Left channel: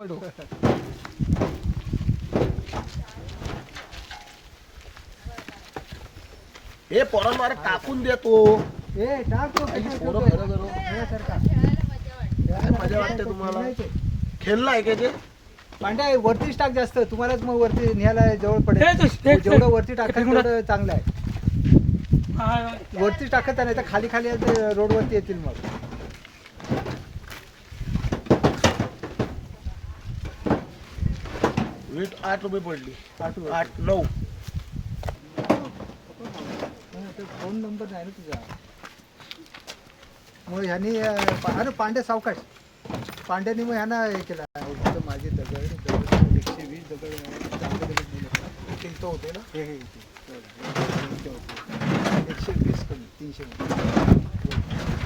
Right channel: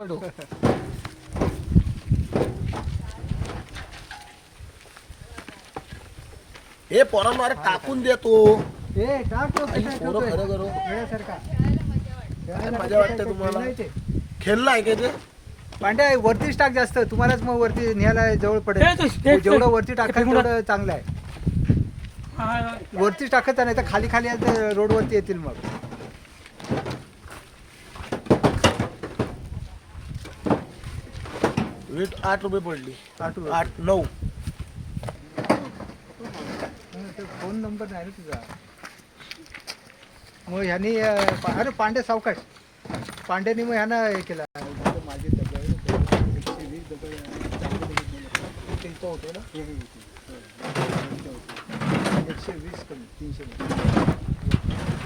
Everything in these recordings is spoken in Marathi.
हे पोरांना टाकून देतो. हे टाक मजा वाटते तुम्हाला? खेळलाय का ते? पांड्या वरतीच टाक जास्त, तुम्हालाच मग वरती न्यायला जवळ पडेल. जेवढं वरती टाका तेवढं चांगलं आहे. वरतीच टाकत नाही तर खाली खाली रोड वरती येतील मग. वीट 8 रुपये पडली. 8 9. फोन नंबर नाही तुझा. मग ह्यानी अरे पांडे सावकाश पांड्यानी मग ह्यानं हे केलं. माझे दगड 120 दगड होतो ना. हे 120 कमी 300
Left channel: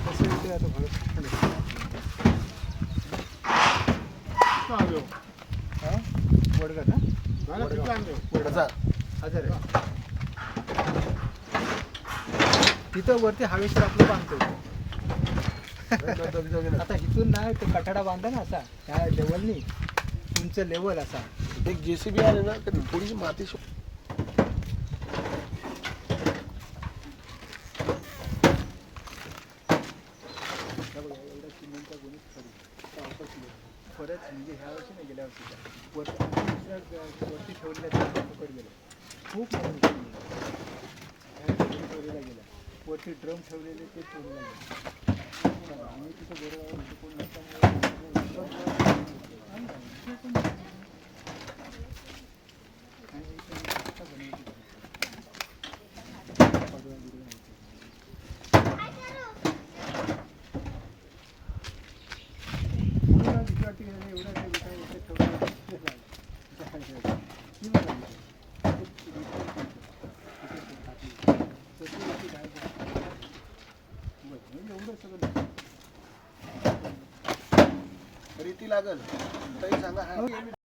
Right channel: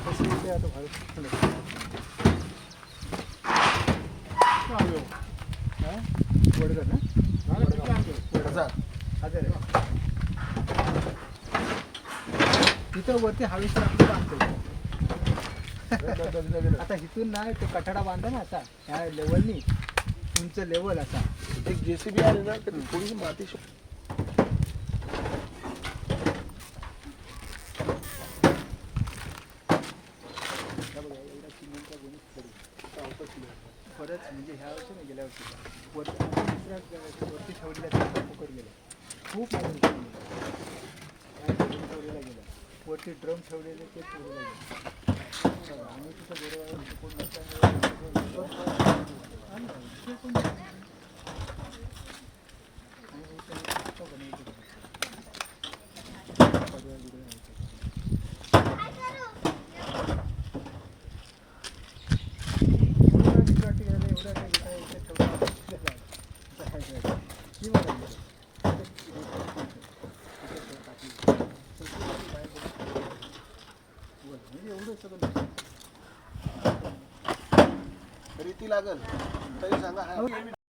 कसं होते आता वडगड ना तिथं वरती हवेशीर आपलं बांधतो. आता इथून नाही ते कठाडा बांधा ना आता ह्या लेवलनी तुमचं लेवल असा. एक जेसीबी आले ना तर थोडीशी माती परत म्हणजे ह्या वर्षी ना गेल्या वर्षी वरती ठेवलेला गेला खूप ठेवलेला गेला. वरती ड्रम ठेवलेले ते ठेवलेला गेला. आणि तिथं बरोबर कोण रीती लागल तरी सांगा.